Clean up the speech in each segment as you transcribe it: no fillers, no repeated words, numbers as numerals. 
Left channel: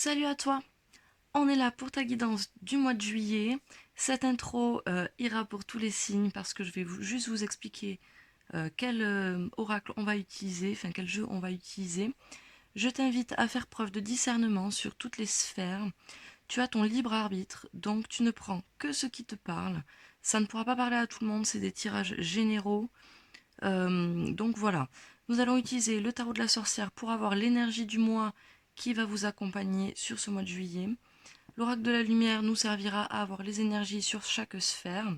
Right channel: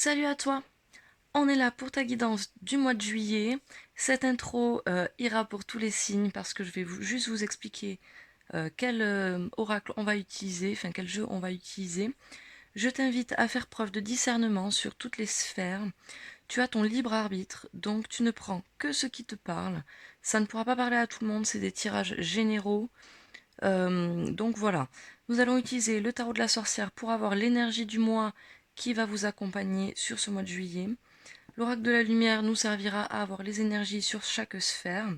Salut à toi, on est là pour ta guidance du mois de juillet. Cette intro ira pour tous les signes parce que je vais juste vous expliquer quel oracle on va utiliser, enfin quel jeu on va utiliser. Je t'invite à faire preuve de discernement sur toutes les sphères. Tu as ton libre arbitre, donc tu ne prends que ce qui te parle. Ça ne pourra pas parler à tout le monde, c'est des tirages généraux. Donc voilà, nous allons utiliser le tarot de la sorcière pour avoir l'énergie du mois qui va vous accompagner sur ce mois de juillet. L'oracle de la lumière nous servira à avoir les énergies sur chaque sphère.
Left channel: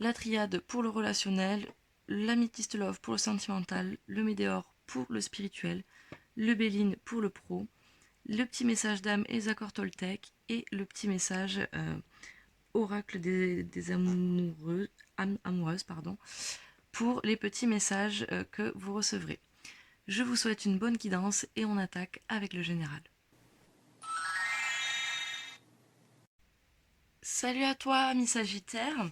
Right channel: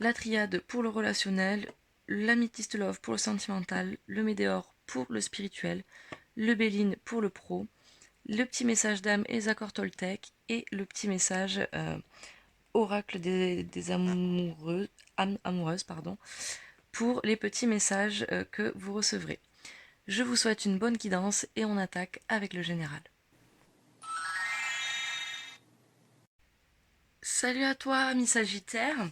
La triade pour le relationnel, l'améthyste love pour le sentimental, le météore pour le spirituel, le béline pour le pro, le petit message d'âme et accords Toltec et le petit message oracle des amoureuses pour les petits messages que vous recevrez. Je vous souhaite une bonne guidance et on attaque avec le général. Salut à toi, ami Sagittaire.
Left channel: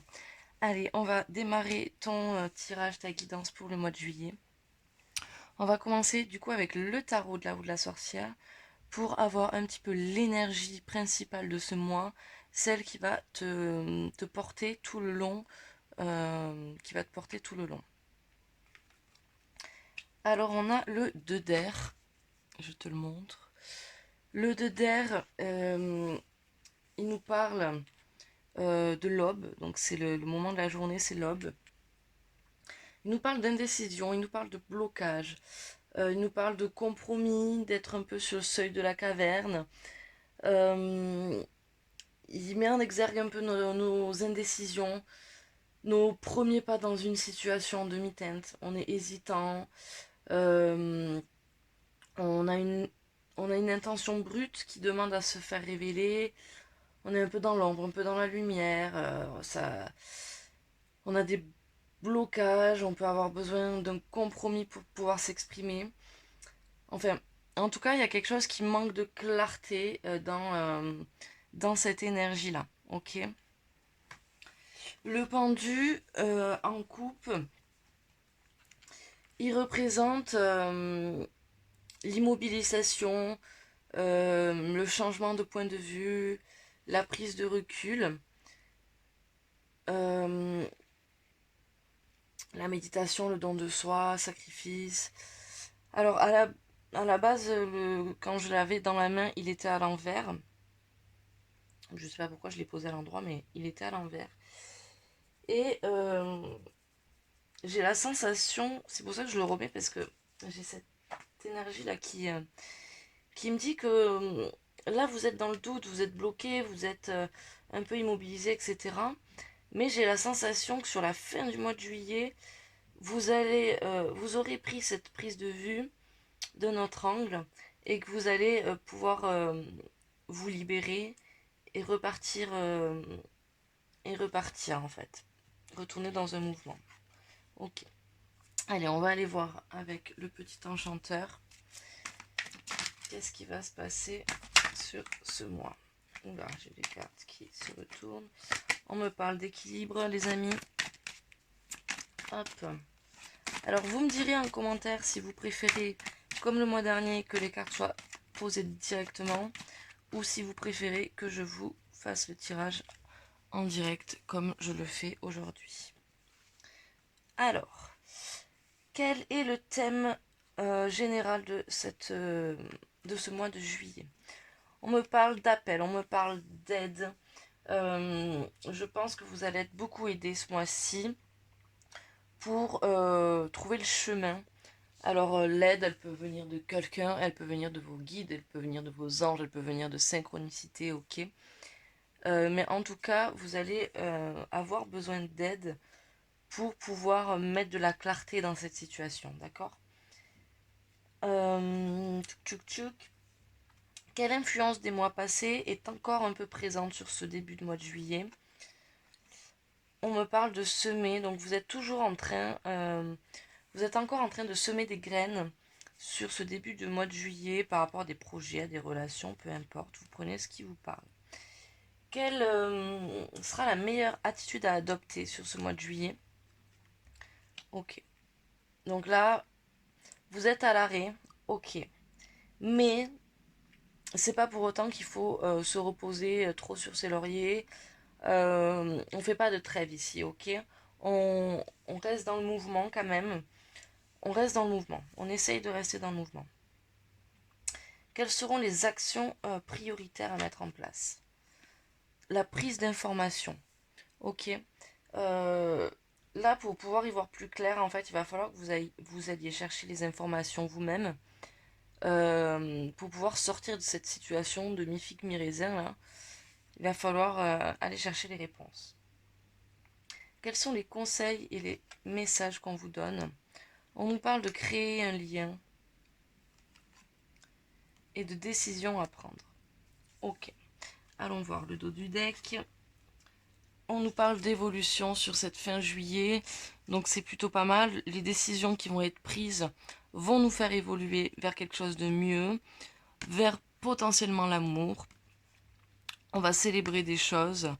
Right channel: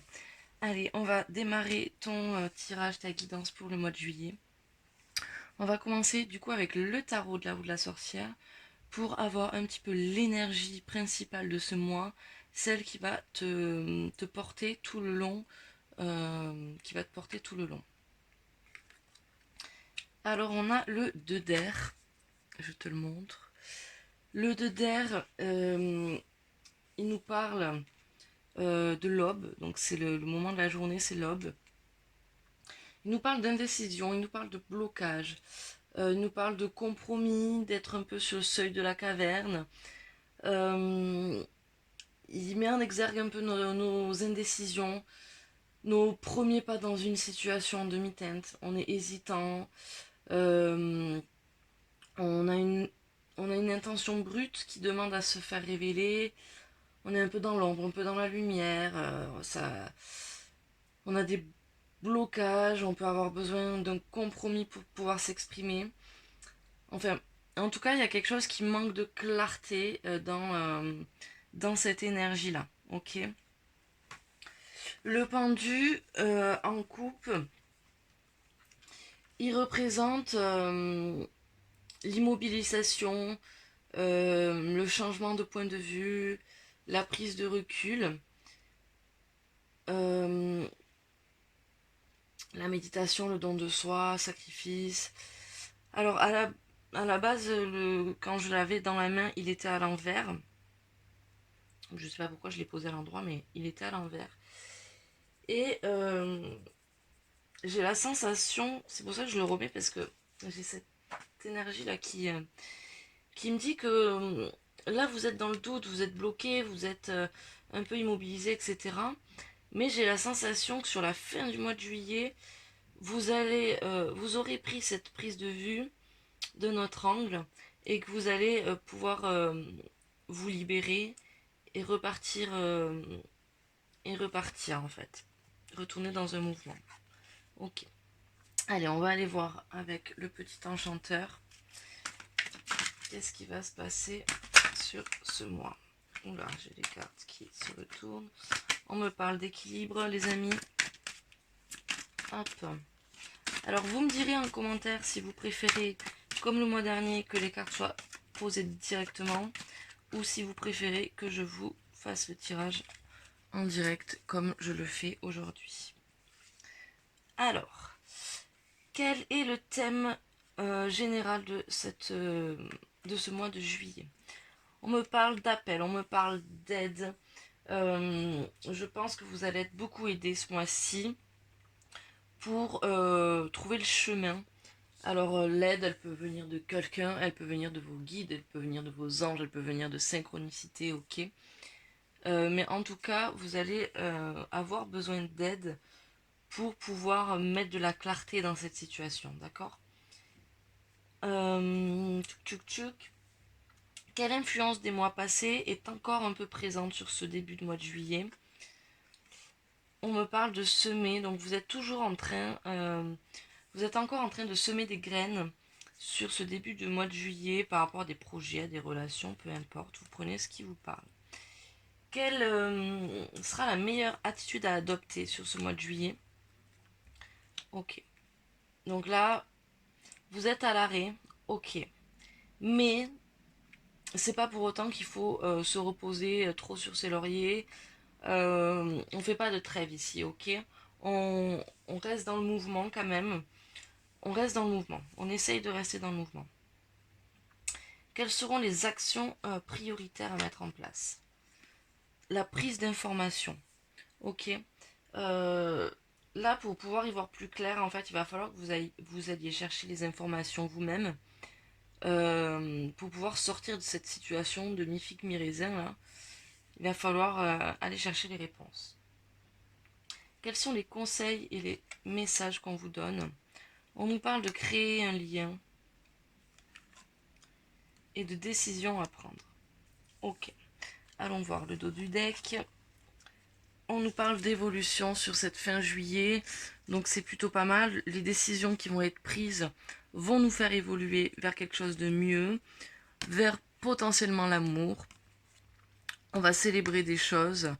Allez, on va démarrer ton tirage, ta guidance pour le mois de juillet. On va commencer du coup avec le tarot de la roue de la sorcière pour avoir un petit peu l'énergie principale de ce mois, celle qui va te porter tout le long. Alors on a le 2 d'air, je te le montre. Le 2 d'air, il nous parle de l'aube, donc c'est le moment de la journée, c'est l'aube. Il nous parle d'indécision, il nous parle de blocage, il nous parle de compromis, d'être un peu sur le seuil de la caverne. Euh, il met en exergue un peu nos indécisions, nos premiers pas dans une situation en demi-teinte. On est hésitant, euh, on a une intention brute qui demande à se faire révéler. On est un peu dans l'ombre, un peu dans la lumière. On a des blocages, on peut avoir besoin d'un compromis pour pouvoir s'exprimer. Enfin, en tout cas, il y a quelque chose qui manque de clarté dans cette énergie-là. Ok. Le pendu en coupe, il représente l'immobilisation, le changement de point de vue, la prise de recul, euh, la méditation, le don de soi, sacrifice. Alors à la base, quand je l'avais dans la main, il était à l'envers. Je sais pas pourquoi je l'ai posé à l'endroit, mais il était à l'envers. Et j'ai la sensation, c'est pour ça que je le remets, parce que j'ai cette énergie là qui me dit que là vous êtes dans le doute, vous êtes bloqué, vous êtes un peu immobilisé, etc. Mais j'ai la sensation que sur la fin du mois de juillet, vous aurez pris cette prise de vue de notre angle et que vous allez pouvoir vous libérer et repartir en fait. Retourner dans un mouvement. Ok. Allez, on va aller voir avec le petit enchanteur. Qu'est-ce qui va se passer sur ce mois? Oula, j'ai des cartes qui se retournent. On me parle d'équilibre, les amis. Hop. Alors, vous me direz en commentaire si vous préférez, comme le mois dernier, que les cartes soient posées directement ou si vous préférez que je vous fasse le tirage en direct comme je le fais aujourd'hui. Alors, quel est le thème général de ce mois de juillet? On me parle d'appel, on me parle d'aide. Je pense que vous allez être beaucoup aidé ce mois-ci pour trouver le chemin. Alors l'aide, elle peut venir de quelqu'un, elle peut venir de vos guides, elle peut venir de vos anges, elle peut venir de synchronicité, ok. Mais en tout cas, vous allez avoir besoin d'aide pour pouvoir mettre de la clarté dans cette situation, d'accord. Tchouk tchouk. Quelle influence des mois passés est encore un peu présente sur ce début de mois de juillet? On me parle de semer, donc vous êtes toujours vous êtes encore en train de semer des graines sur ce début de mois de juillet par rapport à des projets, à des relations, peu importe, vous prenez ce qui vous parle. Quelle sera la meilleure attitude à adopter sur ce mois de juillet? Ok. Donc là, vous êtes à l'arrêt, ok. Mais c'est pas pour autant qu'il faut se reposer trop sur ses lauriers. On fait pas de trêve ici, ok? On reste dans le mouvement quand même. On reste dans le mouvement. On essaye de rester dans le mouvement. Quelles seront les actions prioritaires à mettre en place? La prise d'information. Ok. Là, pour pouvoir y voir plus clair, en fait, il va falloir que vous alliez chercher les informations vous-même pour pouvoir sortir de cette situation de mi-figue, mi-raisin. Là. Il va falloir aller chercher les réponses. Quels sont les conseils et les messages qu'on vous donne? On nous parle de créer un lien et de décisions à prendre. Ok. Allons voir le dos du deck. On nous parle d'évolution sur cette fin juillet, donc c'est plutôt pas mal. Les décisions qui vont être prises vont nous faire évoluer vers quelque chose de mieux, vers potentiellement l'amour. On va célébrer des choses.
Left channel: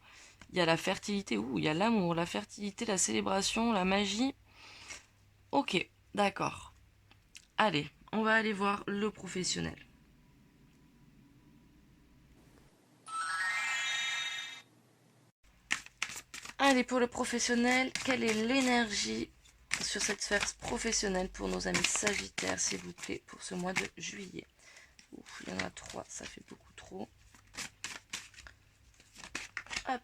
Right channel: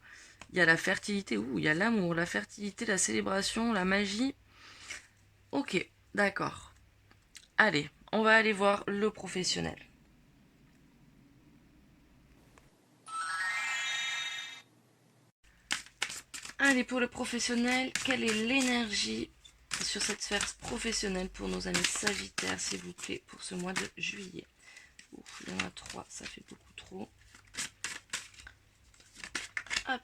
Il y a la fertilité, il y a l'amour, la fertilité, la célébration, la magie. Ok, d'accord. Allez, on va aller voir le professionnel. Allez, pour le professionnel, quelle est l'énergie sur cette sphère professionnelle pour nos amis Sagittaires, s'il vous plaît, pour ce mois de juillet? Ouf, il y en a 3, ça fait beaucoup trop. Hop.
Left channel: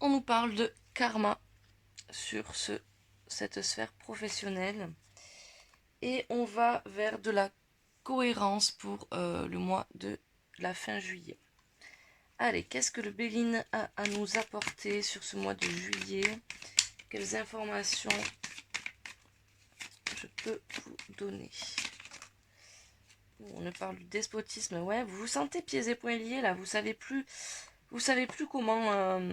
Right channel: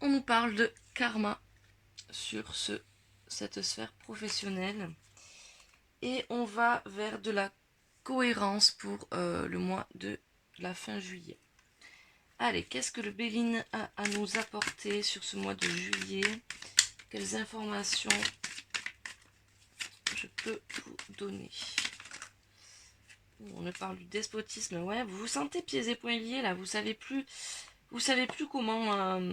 On nous parle de karma sur cette sphère professionnelle. Et on va vers de la cohérence pour le mois de la fin juillet. Allez, qu'est-ce que le Béline a à nous apporter sur ce mois de juillet? Quelles informations je peux vous donner? On me parle du despotisme. Ouais, vous vous sentez pieds et poings liés là. Vous savez plus comment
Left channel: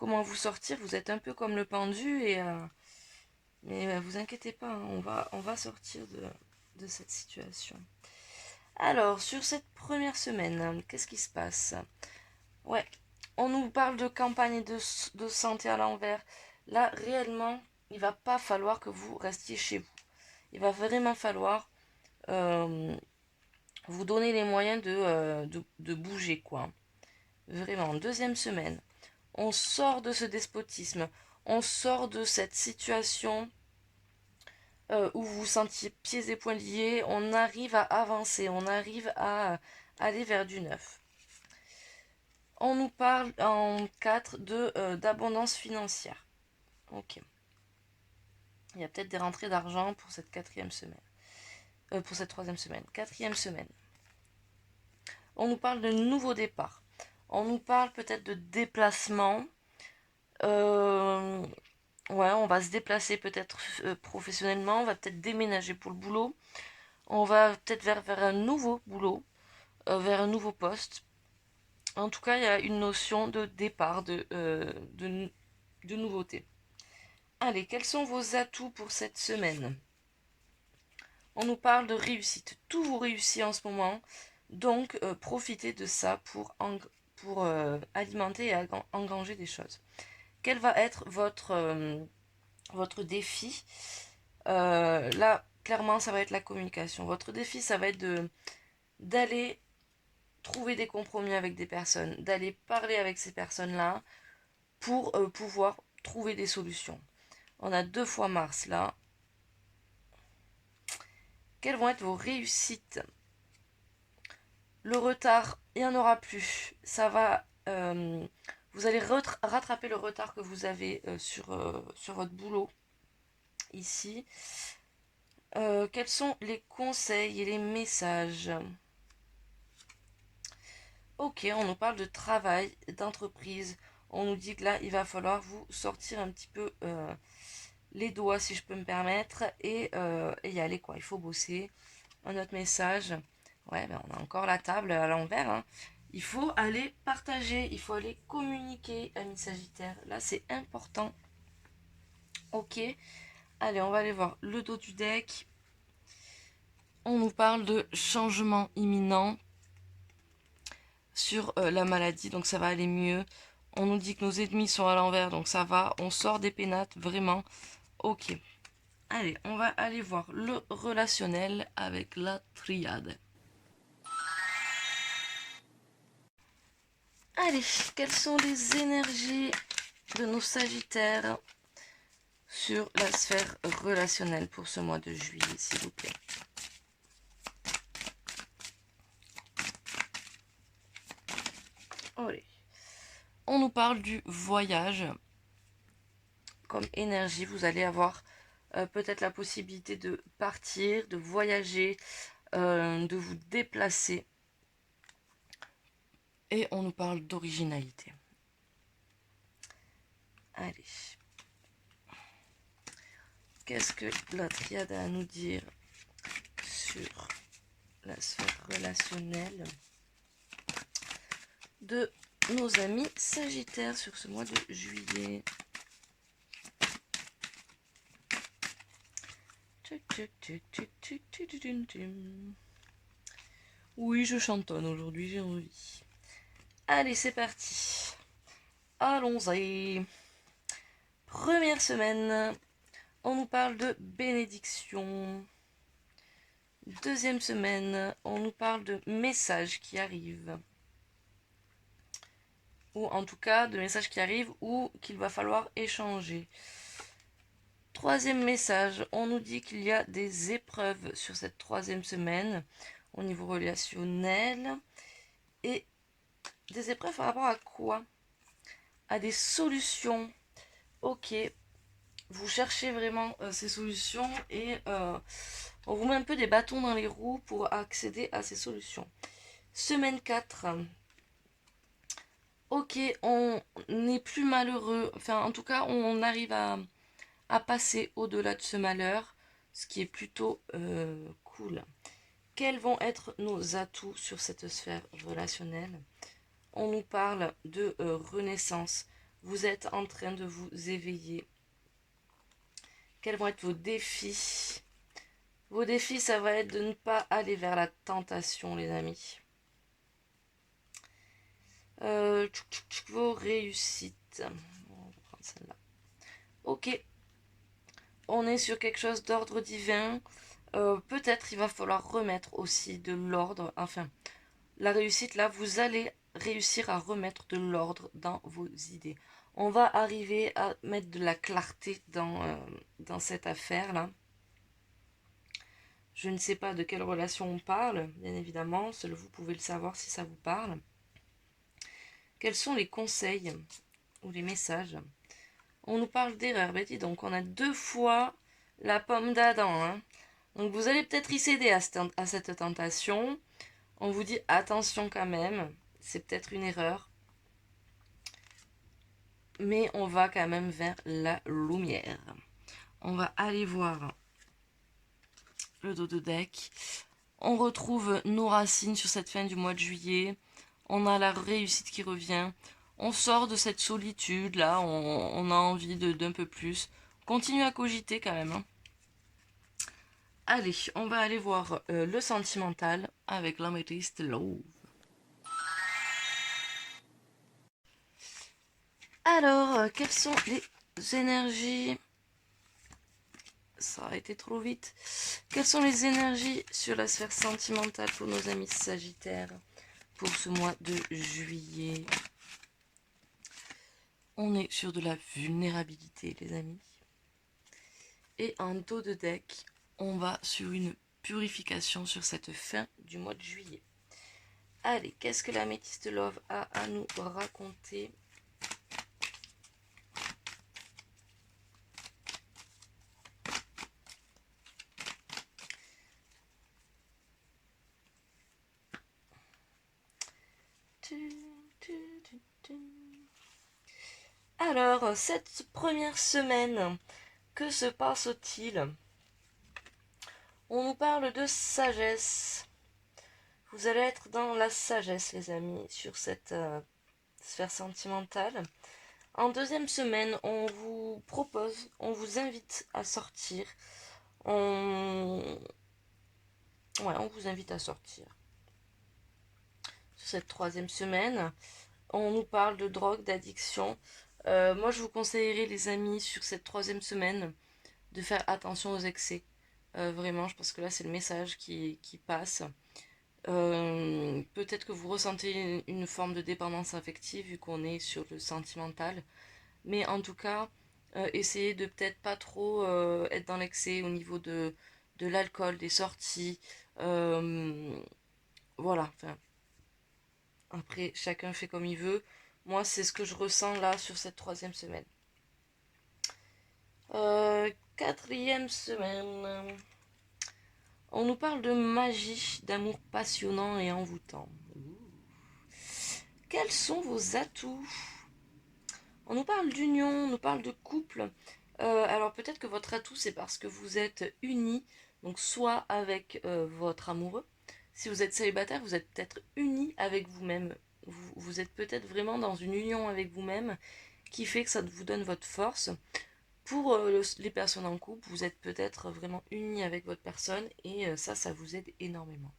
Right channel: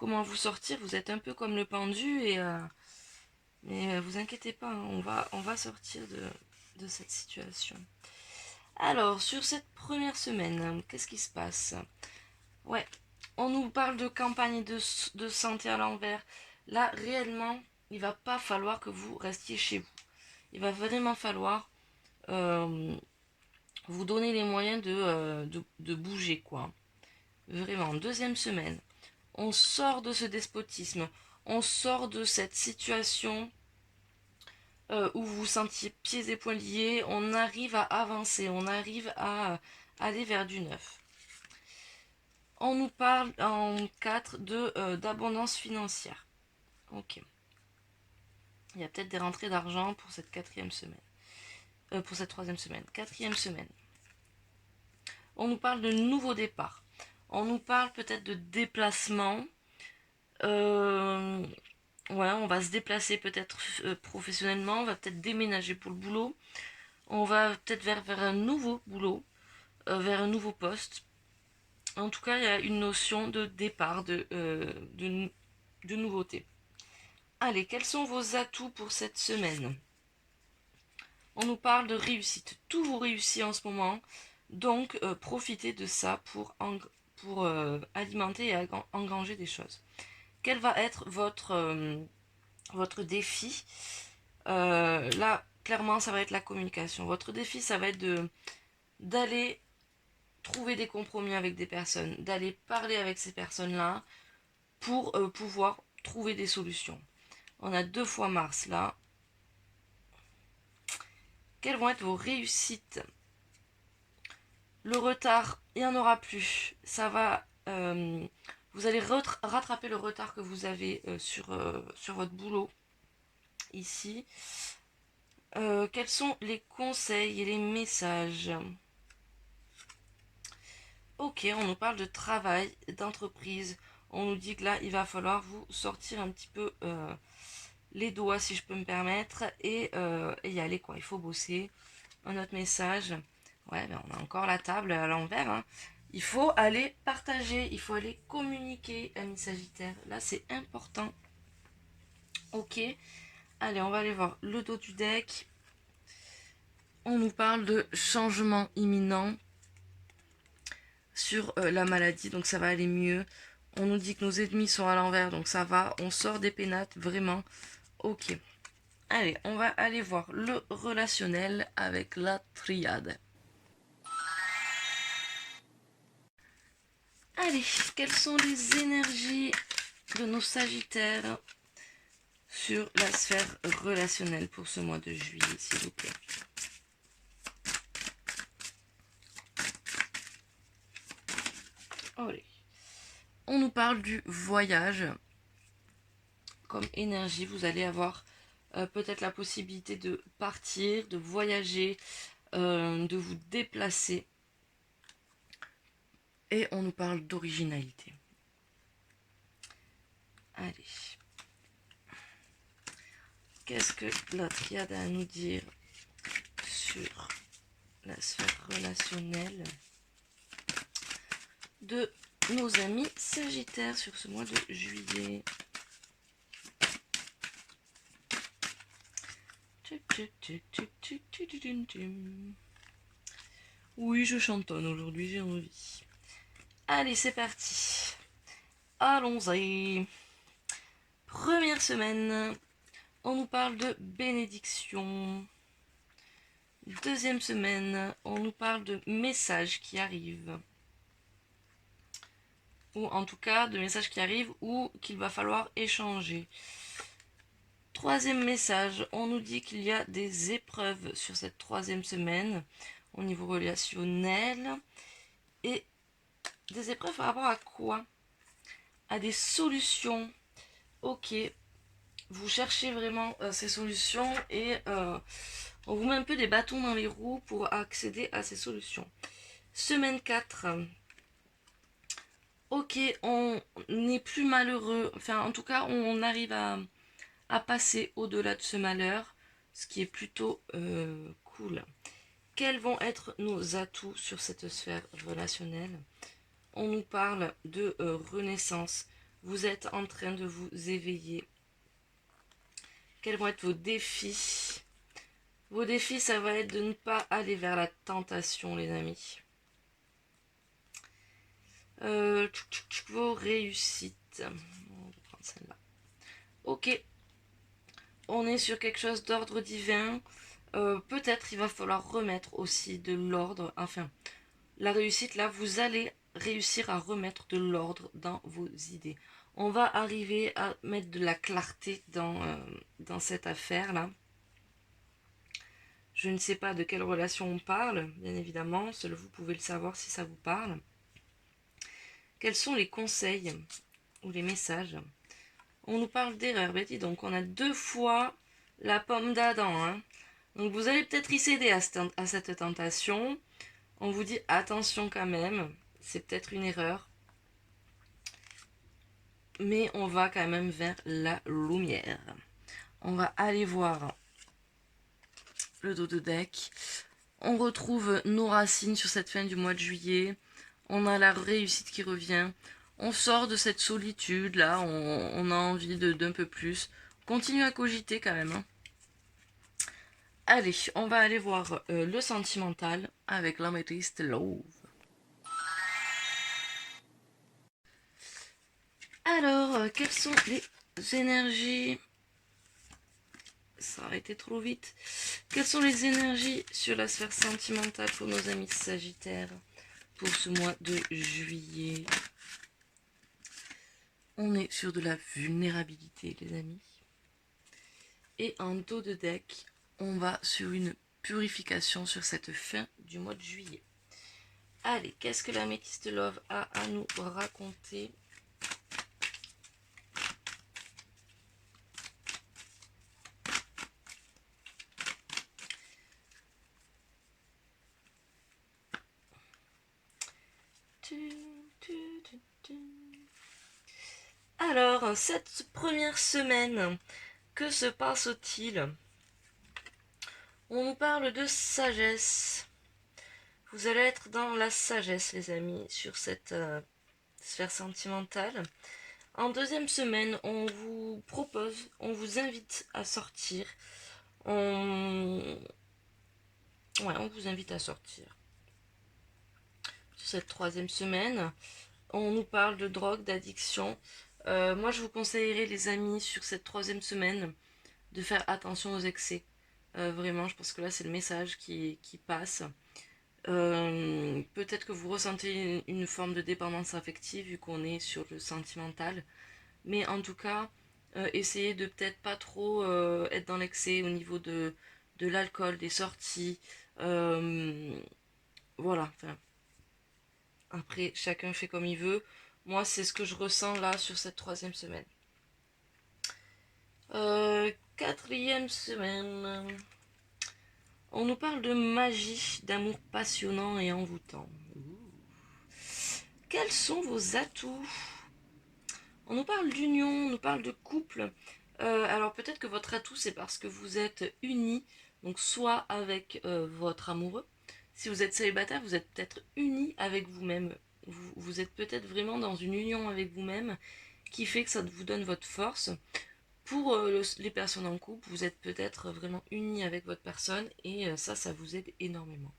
vous sortir. Vous êtes un peu comme le pendu mais vous inquiétez pas, hein, on va sortir de cette situation. Alors, sur cette première semaine, qu'est-ce qui se passe? Ouais, on nous parle de campagne de santé à l'envers. Là, réellement, il va pas falloir que vous restiez chez vous. Il va vraiment falloir vous donner les moyens de bouger, quoi. Vraiment, deuxième semaine. On sort de ce despotisme. On sort de cette situation où vous vous sentiez pieds et poings liés. On arrive à avancer. On arrive à aller vers du neuf. On nous parle en 4 d'abondance financière. Ok. Il y a peut-être des rentrées d'argent pour cette quatrième semaine. Pour cette troisième semaine. Quatrième semaine. On nous parle de nouveau départ. On nous parle peut-être de déplacement. Ouais, on va se déplacer peut-être professionnellement. On va peut-être déménager pour le boulot. On va peut-être vers un nouveau boulot. Vers un nouveau poste. En tout cas, il y a une notion de départ, de nouveauté. Allez, quels sont vos atouts pour cette semaine? On nous parle de réussite. Tout vous réussit en ce moment. Donc, profitez de ça pour alimenter et engranger des choses. Quel va être votre défi? Là, clairement, ça va être la communication. Votre défi, ça va être d'aller trouver des compromis avec des personnes, d'aller parler avec ces personnes-là pour pouvoir trouver des solutions. On a 2 fois Mars là. Quelles vont être vos réussites? Le retard, il n'y en aura plus. Ça va. Vous allez rattraper le retard que vous avez sur votre boulot ici. Quels sont les conseils et les messages? Ok, on nous parle de travail, d'entreprise. On nous dit que là, il va falloir vous sortir un petit peu les doigts, si je peux me permettre, et y aller, quoi. Il faut bosser. Un autre message. Ouais, ben on a encore la table à l'envers. Hein. Il faut aller partager, il faut aller communiquer, amis Sagittaire. Là, c'est important. Ok. Allez, on va aller voir le dos du deck. On nous parle de changement imminent sur la maladie, donc ça va aller mieux. On nous dit que nos ennemis sont à l'envers, donc ça va. On sort des pénates, vraiment. Ok. Allez, on va aller voir le relationnel avec la triade. Allez, quelles sont les énergies de nos Sagittaires sur la sphère relationnelle pour ce mois de juillet, s'il vous plaît? Allez. On nous parle du voyage. Comme énergie, vous allez avoir peut-être la possibilité de partir, de voyager, de vous déplacer. Et on nous parle d'originalité. Allez. Qu'est-ce que la triade a à nous dire sur la sphère relationnelle de nos amis Sagittaires sur ce mois de juillet? Oui, je chantonne aujourd'hui, j'ai envie. Allez, c'est parti. Allons-y. Première semaine, on nous parle de bénédiction. Deuxième semaine, on nous parle de messages qui arrivent. Ou en tout cas, de messages qui arrivent ou qu'il va falloir échanger. Troisième message, on nous dit qu'il y a des épreuves sur cette troisième semaine au niveau relationnel. Et des épreuves par rapport à quoi? À des solutions. Ok, vous cherchez vraiment ces solutions et on vous met un peu des bâtons dans les roues pour accéder à ces solutions. Semaine 4. Ok, on n'est plus malheureux. Enfin, en tout cas, on arrive à passer au-delà de ce malheur, ce qui est plutôt cool. Quels vont être nos atouts sur cette sphère relationnelle? On nous parle de renaissance. Vous êtes en train de vous éveiller. Quels vont être vos défis? Vos défis, ça va être de ne pas aller vers la tentation, les amis. Vos réussites. On va prendre celle-là. Ok. On est sur quelque chose d'ordre divin. Peut-être il va falloir remettre aussi de l'ordre. Enfin, la réussite, là, vous allez réussir à remettre de l'ordre dans vos idées. On va arriver à mettre de la clarté dans cette affaire-là. Je ne sais pas de quelle relation on parle, bien évidemment. Seul vous pouvez le savoir si ça vous parle. Quels sont les conseils ou les messages? On nous parle d'erreur. Ben dis donc, on a 2 fois la pomme d'Adam. Hein. Donc vous allez peut-être y céder à cette tentation. On vous dit attention quand même. C'est peut-être une erreur. Mais on va quand même vers la lumière. On va aller voir le dos de deck. On retrouve nos racines sur cette fin du mois de juillet. On a la réussite qui revient. On sort de cette solitude là. On a envie d'un peu plus. Continue à cogiter quand même. Hein. Allez, on va aller voir le sentimental avec l'améthyste Love. Alors, quelles sont les énergies? Ça a été trop vite. Quelles sont les énergies sur la sphère sentimentale pour nos amis Sagittaires pour ce mois de juillet? On est sur de la vulnérabilité, les amis. Et en dos de deck, on va sur une purification sur cette fin du mois de juillet. Allez, qu'est-ce que l'améthyste Love a à nous raconter? Alors, cette première semaine, que se passe-t-il? On nous parle de sagesse. Vous allez être dans la sagesse, les amis, sur cette sphère sentimentale. En deuxième semaine, on vous propose, on vous invite à sortir. On vous invite à sortir. Sur cette troisième semaine, on nous parle de drogue, d'addiction. Moi, je vous conseillerais, les amis, sur cette troisième semaine, de faire attention aux excès. Vraiment, je pense que là, c'est le message qui passe. Peut-être que vous ressentez une forme de dépendance affective vu qu'on est sur le sentimental. Mais en tout cas, essayez de peut-être pas trop être dans l'excès au niveau de l'alcool, des sorties. Voilà, enfin, après, chacun fait comme il veut. Moi, c'est ce que je ressens là sur cette 3e semaine. 4e semaine. On nous parle de magie, d'amour passionnant et envoûtant. Quels sont vos atouts? On nous parle d'union, on nous parle de couple. Alors peut-être que votre atout, c'est parce que vous êtes unis, donc soit avec votre amoureux. Si vous êtes célibataire, vous êtes peut-être unis avec vous-même. Vous êtes peut-être vraiment dans une union avec vous-même qui fait que ça vous donne votre force. Pour les personnes en couple, vous êtes peut-être vraiment unis avec votre personne et ça vous aide énormément.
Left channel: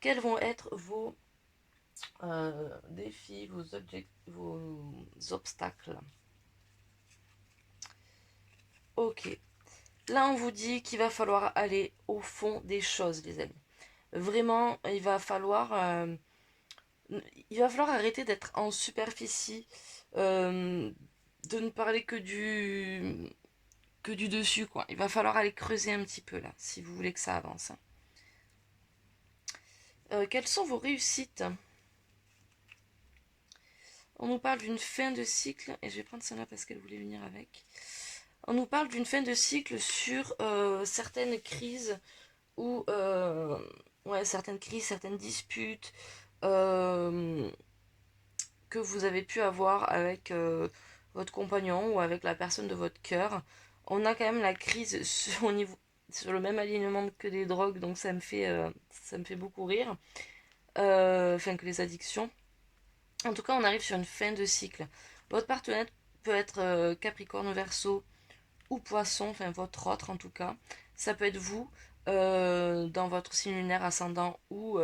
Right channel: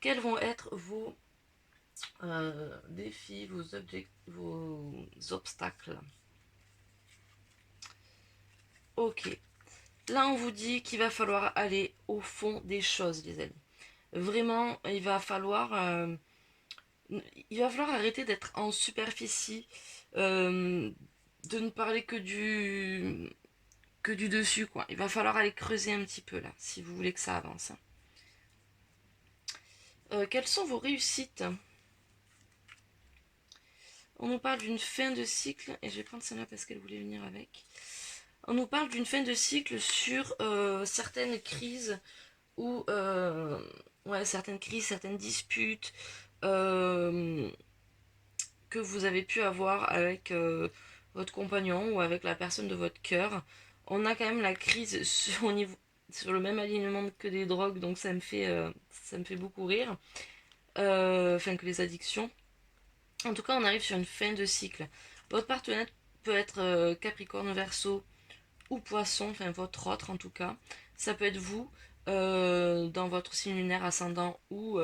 Quels vont être vos défis, vos obstacles? Ok. Là, on vous dit qu'il va falloir aller au fond des choses, les amis. Vraiment, il va falloir arrêter d'être en superficie, de ne parler que du dessus, quoi. Il va falloir aller creuser un petit peu là, si vous voulez que ça avance. Quelles sont vos réussites? On nous parle d'une fin de cycle, et je vais prendre celle-là parce qu'elle voulait venir avec. On nous parle d'une fin de cycle sur certaines crises ou ouais, certaines crises, certaines disputes que vous avez pu avoir avec votre compagnon ou avec la personne de votre cœur. On a quand même la crise sur le même alignement que des drogues, donc ça me fait beaucoup rire. Enfin, que les addictions. En tout cas, on arrive sur une fin de cycle. Votre partenaire peut être Capricorne, Verseau ou Poisson, enfin votre autre en tout cas. Ça peut être vous dans votre signe lunaire ascendant ou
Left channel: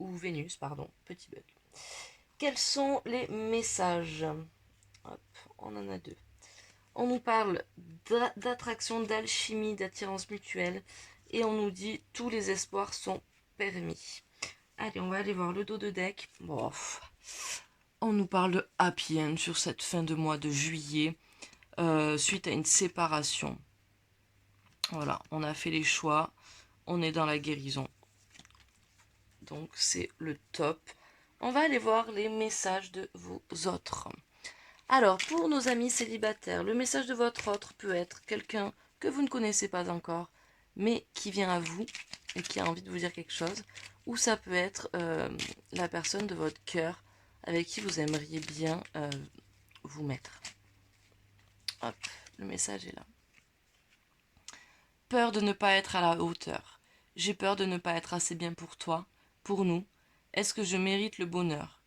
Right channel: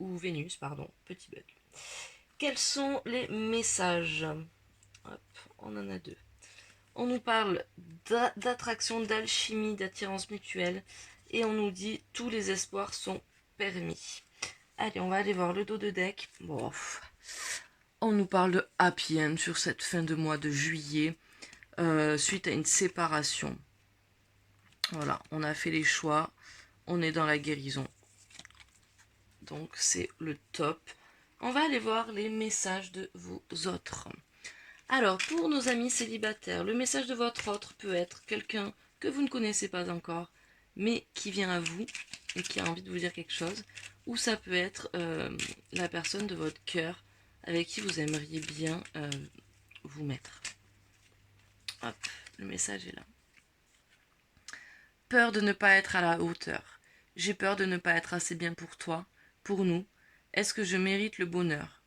Vénus, pardon, petit bug. Quels sont les messages? Hop, on en a deux. On nous parle d'attraction, d'alchimie, d'attirance mutuelle et on nous dit tous les espoirs sont permis. Allez, on va aller voir le dos de deck. Bon, on nous parle de happy end sur cette fin de mois de juillet suite à une séparation. Voilà, on a fait les choix, on est dans la guérison. Donc c'est le top. On va aller voir les messages de vous autres. Alors, pour nos amis célibataires, le message de votre autre peut être quelqu'un que vous ne connaissez pas encore, mais qui vient à vous et qui a envie de vous dire quelque chose. Ou ça peut être la personne de votre cœur avec qui vous aimeriez bien vous mettre. Hop, le message est là. Peur de ne pas être à la hauteur. J'ai peur de ne pas être assez bien pour toi, pour nous. Est-ce que je mérite le bonheur?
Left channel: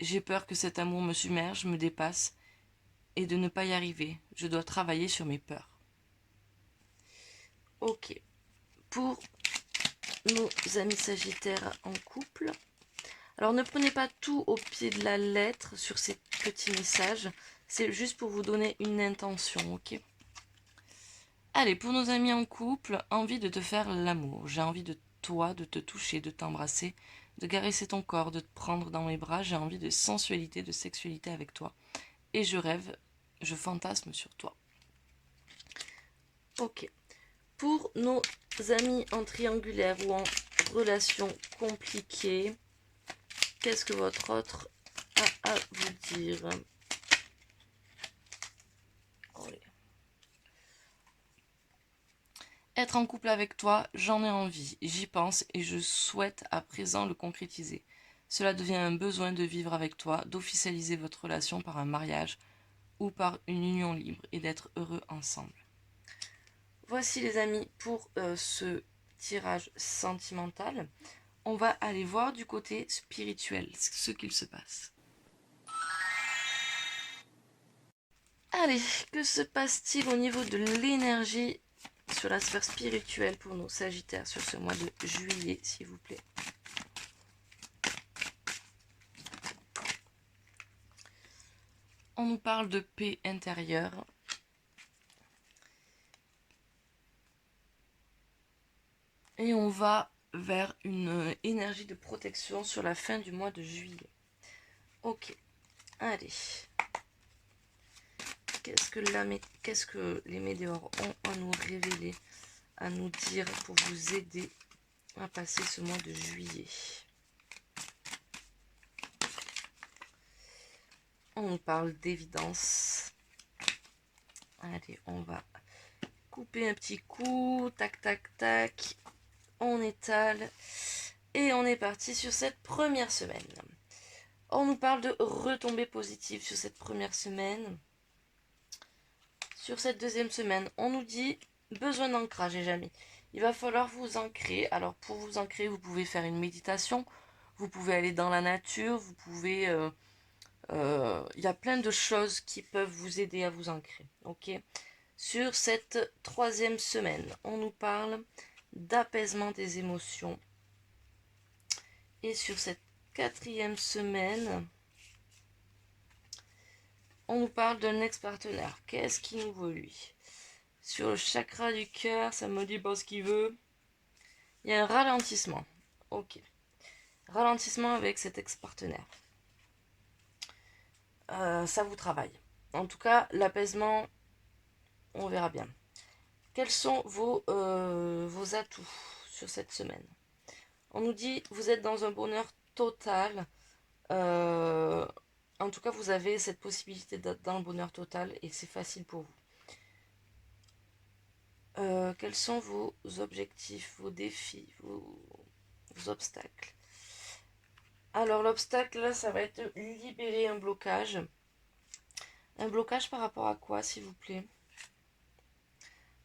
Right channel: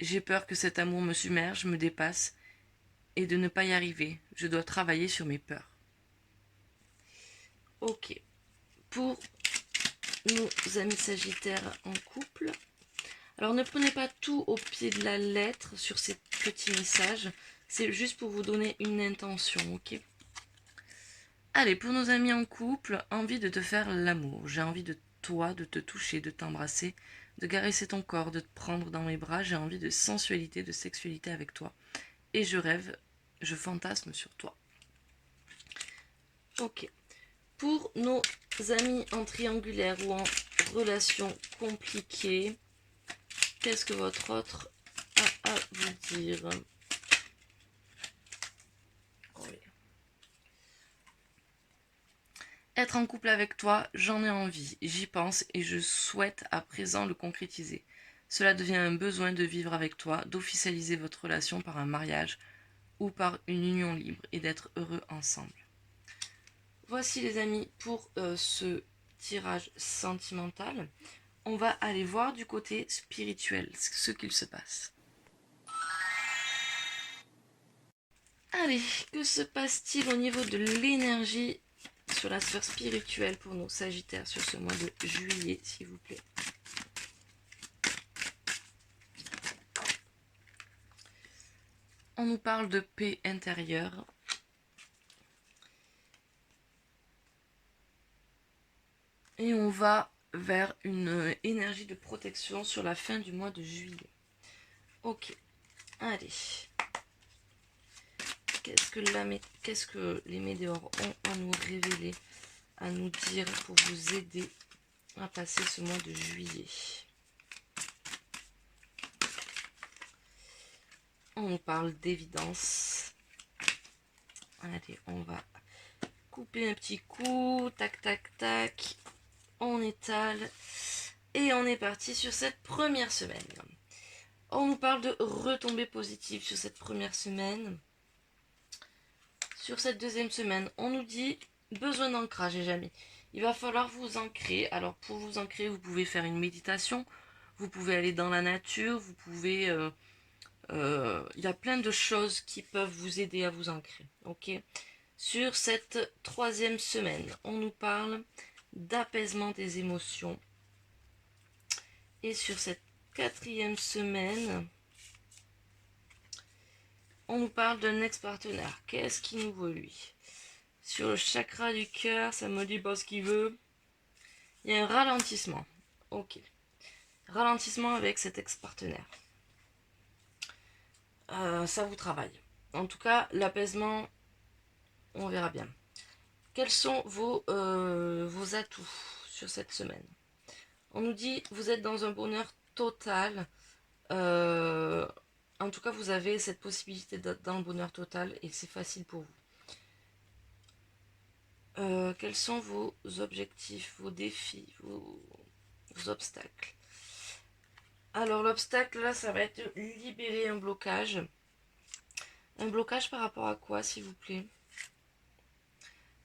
J'ai peur que cet amour me submerge, me dépasse, et de ne pas y arriver. Je dois travailler sur mes peurs. Ok. Pour nos amis sagittaires en couple, alors ne prenez pas tout au pied de la lettre sur ces petits messages. C'est juste pour vous donner une intention, ok? Allez, pour nos amis en couple, envie de te faire l'amour. J'ai envie de toi, de te toucher, de t'embrasser, de caresser ton corps, de te prendre dans mes bras. J'ai envie de sensualité, de sexualité avec toi. Et je rêve, je fantasme sur toi. Ok. Pour nos amis en triangulaire ou en relation compliquée, qu'est-ce que votre autre a à vous dire? Oui. Être en couple avec toi, j'en ai envie, j'y pense et je souhaite à présent le concrétiser. Cela devient un besoin de vivre avec toi, d'officialiser votre relation par un mariage ou par une union libre et d'être heureux ensemble. Voici les amis pour ce tirage sentimental. On va aller voir du côté spirituel ce qu'il se passe. Allez, que se passe-t-il au niveau de l'énergie sur la sphère spirituelle pour nos Sagittaires sur ce mois de juillet, s'il vous plaît? On nous parle de paix intérieure. Et on va vers une énergie de protection sur la fin du mois de juillet. Ok, allez. Qu'est-ce que les météores ont à nous révéler, à nous dire pour vous aider à passer ce mois de juillet? On nous parle d'évidence. Allez, on va couper un petit coup. Tac, tac, tac. On étale. Et on est parti sur cette première semaine. On nous parle de retombées positives sur cette première semaine. Sur cette deuxième semaine, on nous dit besoin d'ancrage, les amis. Il va falloir vous ancrer. Alors pour vous ancrer, vous pouvez faire une méditation. Vous pouvez aller dans la nature. Vous pouvez... y a plein de choses qui peuvent vous aider à vous ancrer. Ok. Sur cette troisième semaine, on nous parle d'apaisement des émotions. Et sur cette quatrième semaine, on nous parle d'un ex-partenaire. Qu'est-ce qu'il nous veut, lui? Sur le chakra du cœur, ça me dit pas ce qu'il veut. Il y a un ralentissement. Ok. Ralentissement avec cet ex-partenaire. Ça vous travaille. En tout cas, l'apaisement, on verra bien. Quels sont vos atouts sur cette semaine? On nous dit vous êtes dans un bonheur total. En tout cas, vous avez cette possibilité d'être dans le bonheur total et c'est facile pour vous. Quels sont vos objectifs, vos défis, vos obstacles? Alors l'obstacle là, ça va être libérer un blocage. Un blocage par rapport à quoi, s'il vous plaît?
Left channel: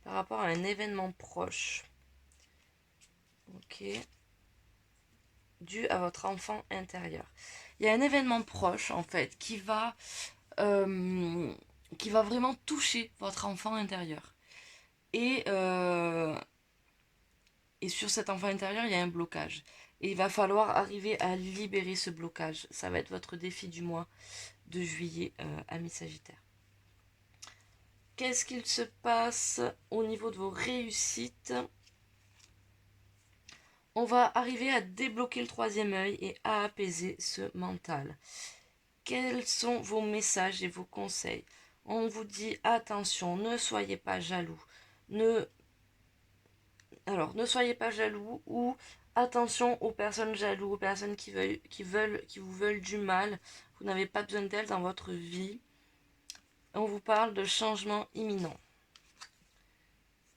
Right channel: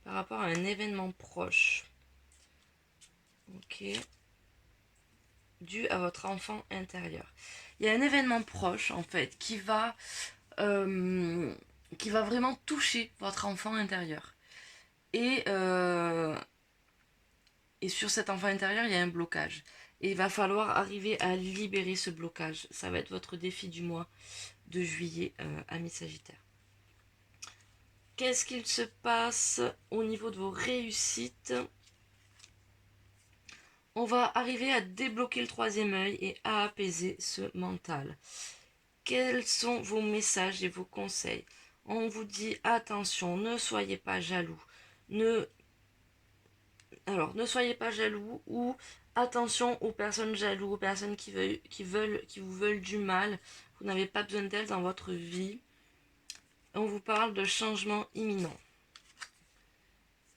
Par rapport à un événement proche. Ok. Dû à votre enfant intérieur. Il y a un événement proche, en fait, qui va vraiment toucher votre enfant intérieur. Et sur cet enfant intérieur, il y a un blocage. Et il va falloir arriver à libérer ce blocage. Ça va être votre défi du mois de juillet, amis Sagittaire. Qu'est-ce qu'il se passe au niveau de vos réussites? On va arriver à débloquer le troisième œil et à apaiser ce mental. Quels sont vos messages et vos conseils? On vous dit attention, ne soyez pas jaloux. Ne soyez pas jaloux ou attention aux personnes jalouses, aux personnes qui vous veulent du mal. Vous n'avez pas besoin d'elles dans votre vie. On vous parle de changement imminent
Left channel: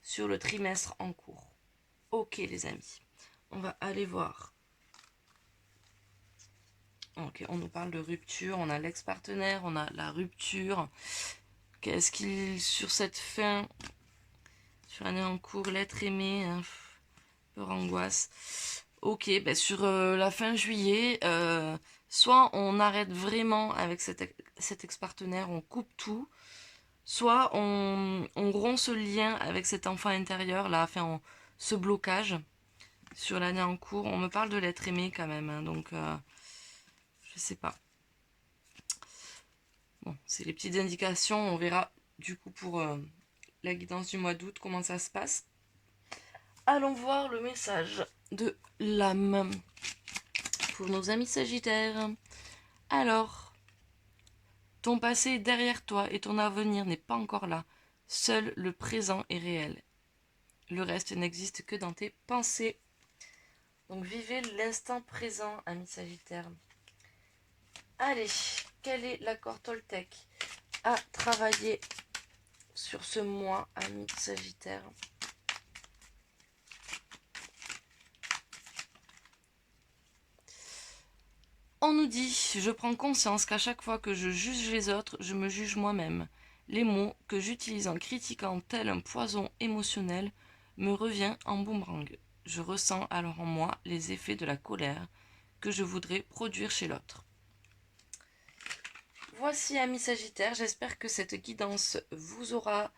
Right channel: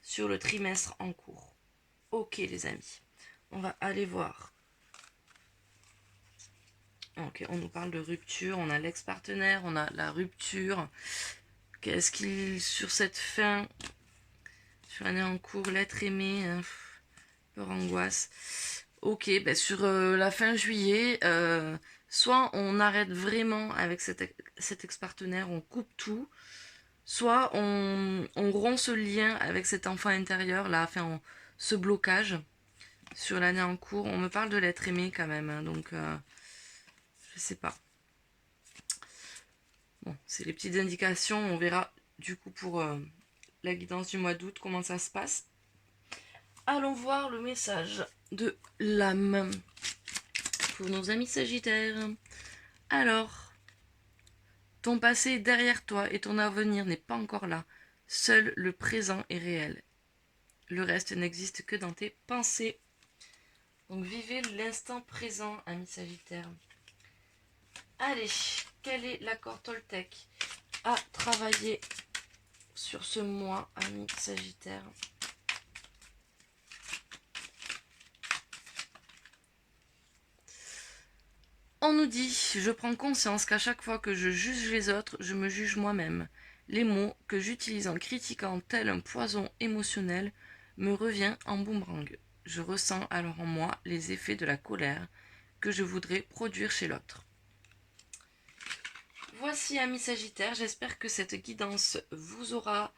sur le trimestre en cours. Ok les amis, on va aller voir. Ok, on nous parle de rupture, on a l'ex-partenaire, on a la rupture. Qu'est-ce qu'il sur cette fin, sur l'année en cours, l'être aimé, peur, angoisse. Ok, ben sur la fin juillet, soit on arrête vraiment avec cet ex-partenaire, on coupe tout, soit on rompt ce lien avec cet enfant intérieur, là, enfin, ce blocage sur l'année en cours. On me parle de l'être aimé quand même, hein, donc je sais pas. Bon, c'est les petites indications, on verra du coup pour la guidance du mois d'août, comment ça se passe. Allons voir le message de l'âme pour nos amis Sagittaires. Alors, ton passé est derrière toi et ton avenir n'est pas encore là. Seul le présent est réel. Le reste n'existe que dans tes pensées. Donc vivez l'instant présent, amis Sagittaires. Allez, quel est l'accord Toltec à travailler sur ce mois, amis Sagittaires? On nous dit, je prends conscience qu'à chaque fois que je juge les autres, je me juge moi-même. Les mots que j'utilise en critiquant tel un poison émotionnel me revient en boomerang. Je ressens alors en moi les effets de la colère que je voudrais produire chez l'autre. Voici, amis Sagittaires, j'espère que cette guidance vous aura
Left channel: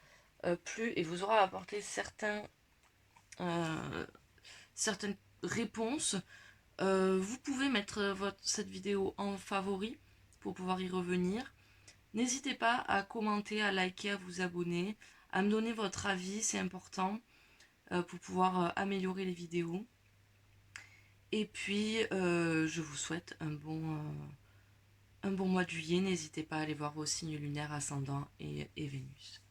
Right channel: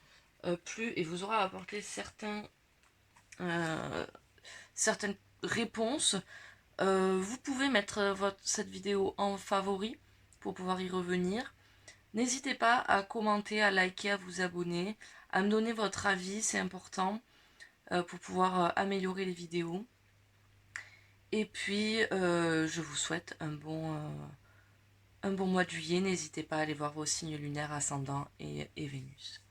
plu et vous aura apporté certaines réponses. Vous pouvez mettre cette vidéo en favori pour pouvoir y revenir. N'hésitez pas à commenter, à liker, à vous abonner, à me donner votre avis, c'est important. pour pouvoir améliorer les vidéos. Et puis, je vous souhaite un bon mois de juillet. N'hésitez pas à aller voir vos signes lunaires, ascendant et Vénus.